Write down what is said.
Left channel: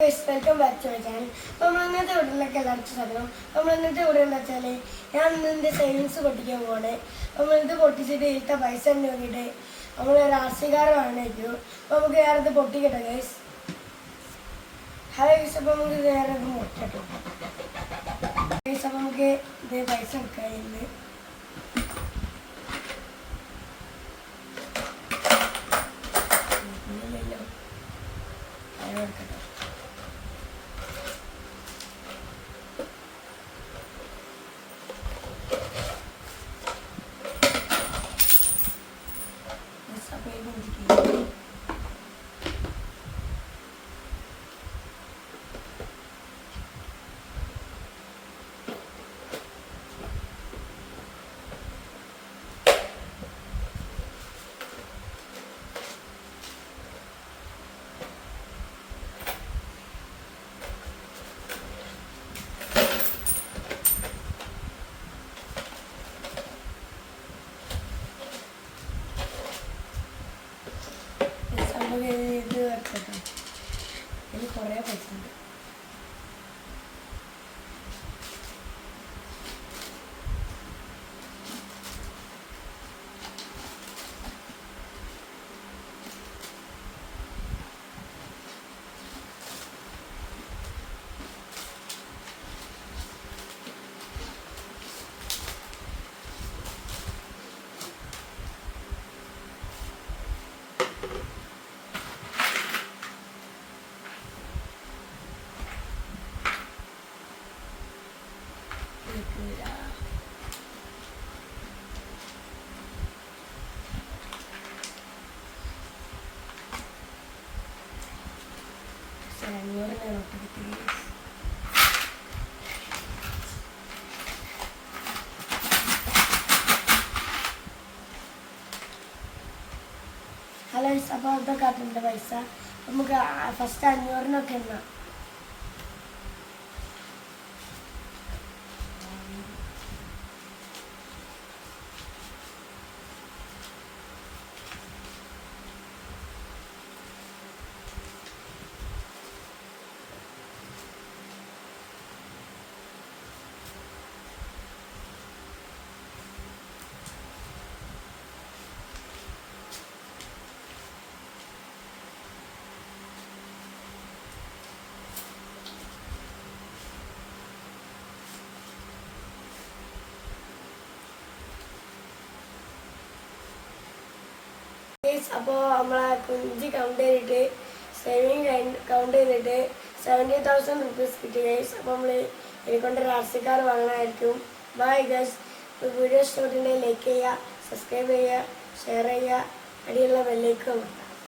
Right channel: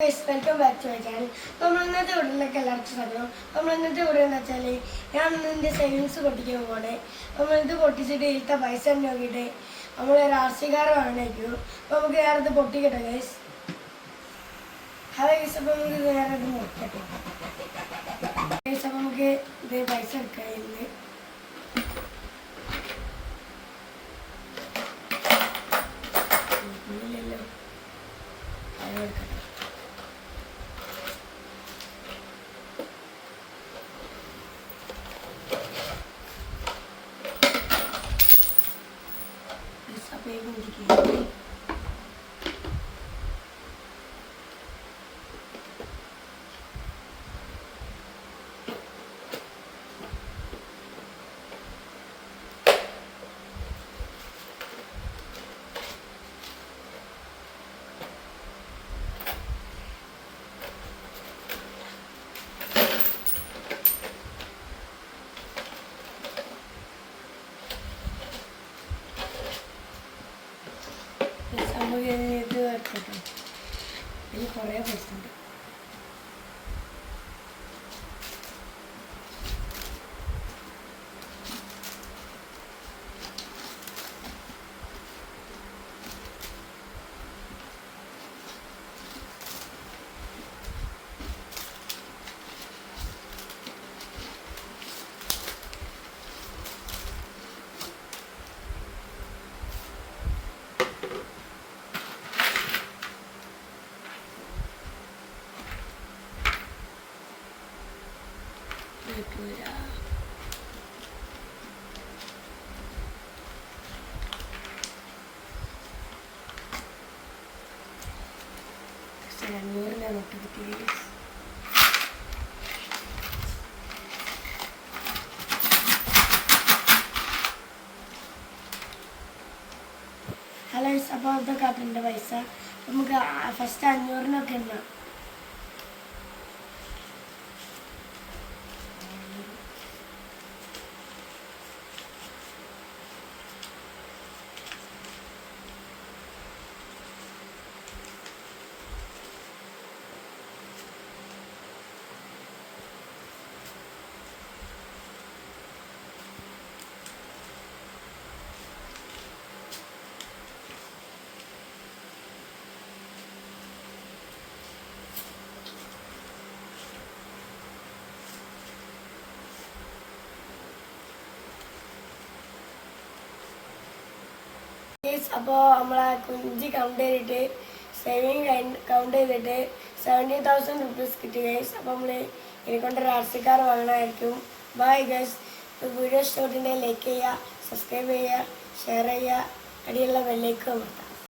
Welcome back to my channel. നമ്മൾ ഇന്നത്തെ വീട്ടിലൊക്കെ എല്ലാവർക്കും സ്വാഗതം. നമ്മൾ ഇന്നത്തെ വീട് എന്താ വെച്ചാൽ ഞാൻ ഇന്ന് സേവിങ്സ് പൊട്ടിക്കാൻ പോകണേ. നമ്മൾ ഇത് പൊട്ടിച്ചിട്ട് ഇട്ട പൈസ നോക്കിയിട്ട് നമ്മൾ ഒരു RC കാർ വാങ്ങണേക്കു. അപ്പോൾ നമുക്ക് ഞാനത് പൊട്ടിക്കട്ടെ ഗൈസ്. ഹലോ ഗൈസ്, അപ്പോൾ നമുക്ക് ഞാനത് പൊട്ടിക്കട്ടെ ഗൈസ്. അപ്പോൾ നമുക്ക് ഇത് പൈസ എടുക്കാം. ഇന്ന് ഇല്ലല്ലോ എടുക്കട്ടെ. ഇത് കേട്ടോ, ഇതിൽ കുറേ പൈസ ഉണ്ട്. ഹലോ, അപ്പോൾ ഇതൊക്കെ ആട്ടുണ്ട് പൈസ. നമുക്ക് ഫസ്റ്റ് 500 എണ്ണ. അപ്പോൾ നമ്മളെ കുഞ്ചി കൗണ്ട് ചെയ്തിട്ട് സേവിങ് കൗണ്ട് ചെയ്തിട്ട് 70,000 റുപ്പീസ് കിട്ടി ഗൈസ്. അപ്പോൾ നമ്മൾ എനിക്കൊണ്ടൊരു RC കാർ വാങ്ങണമായിരിക്കും. Bye guys. വീഡിയോ ഇഷ്ടപ്പെട്ടിട്ടുണ്ടെങ്കിൽ ലൈക്ക് ചെയ്യുക, സബ്സ്ക്രൈബ് ചെയ്യുക, ഷെയർ ചെയ്യുക, അടിയുള്ള ബെല്ലൈക്കൺ അമർത്തുക.